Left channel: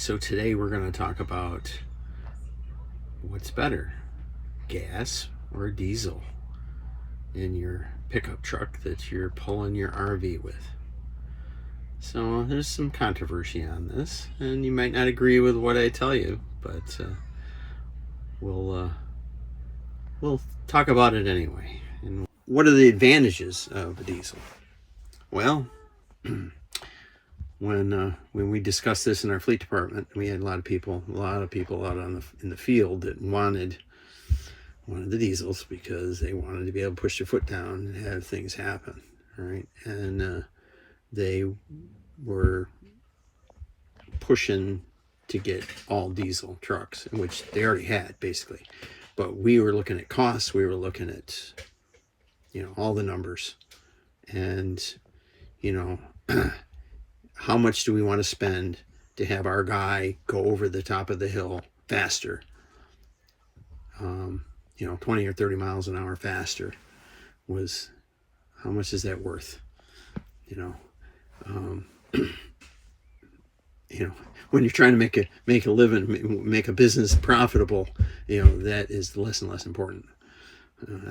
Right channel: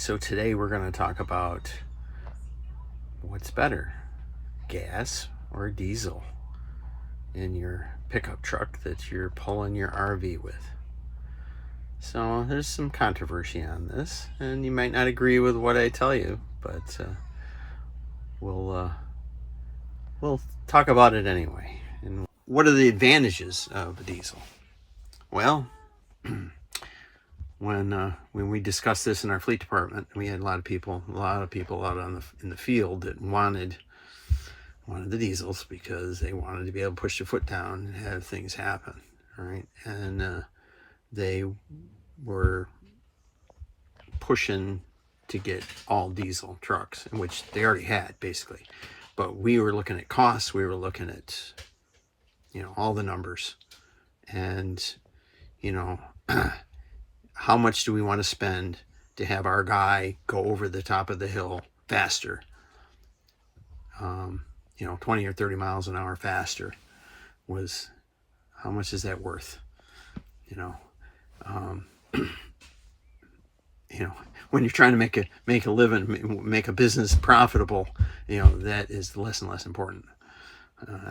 So today we're going to talk about what's better, gas or diesel in your pickup truck that you're pulling your RV with. So there's some controversy on this, and you might not agree with what I tell you, but we'll talk about it anyway. And what are the advantages of a diesel? Well, when we discussed this in our fleet department, we had a lot of people out in the field that wanted the diesels because they wanted to be able to push their foot down and have things happen, right? And they were pushing to get all diesel trucks, which they already had basically. But we were looking at costs. We were looking at, all the numbers, and how much do we want to spend to have our guy go over the top of the hill faster? 20 or 30 miles an hour faster how much is that worth? When you're trying to make a living, make a business profitable, that is less and less important.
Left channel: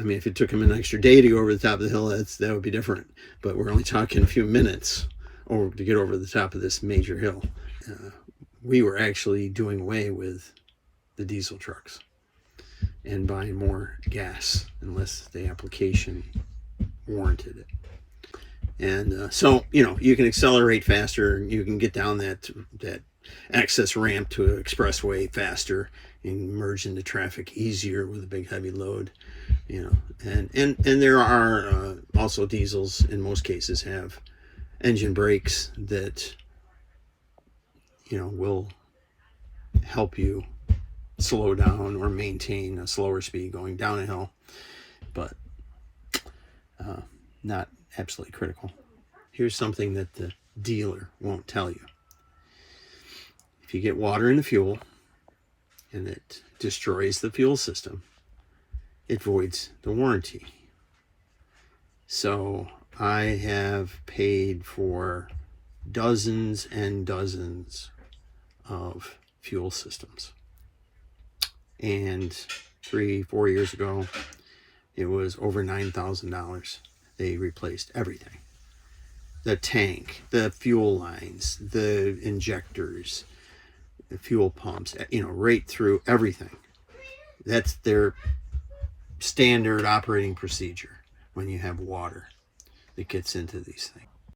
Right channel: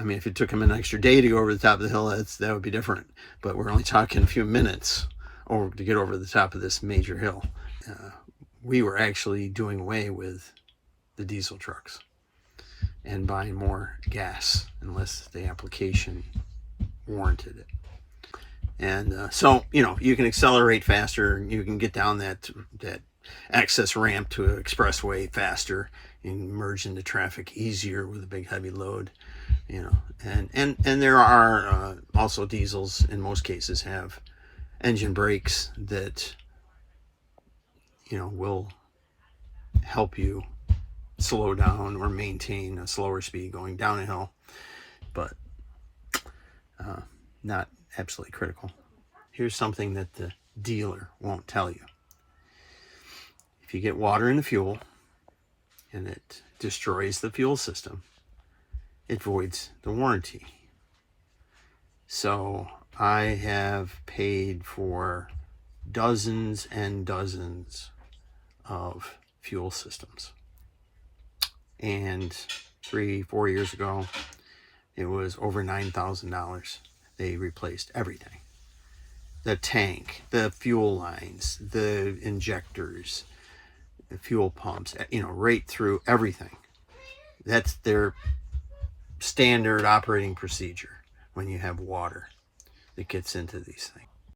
If it took him an extra day to go over the top of the hill, that would be different. But we're only talking a few minutes to get over the top of this major hill. We were actually doing away with the diesel trucks and buying more gas unless the application warranted it. And so you can accelerate faster. You can get down that access ramp to an expressway faster and merge into traffic easier with a big heavy load. And there are also diesels in most cases have engine brakes that will help you slow down or maintain a slower speed going down a hill, but not absolutely critical. Here's something that the dealer won't tell you. If you get water in the fuel and it destroys the fuel system, it voids the warranty. So I have paid for dozens and dozens of fuel systems. And 3-4 years ago, it was over $9,000. They replaced everything. The tank, the fuel lines, the injectors, the fuel pumps, right through everything. That's their standard operating procedure when you have water that gets into these things.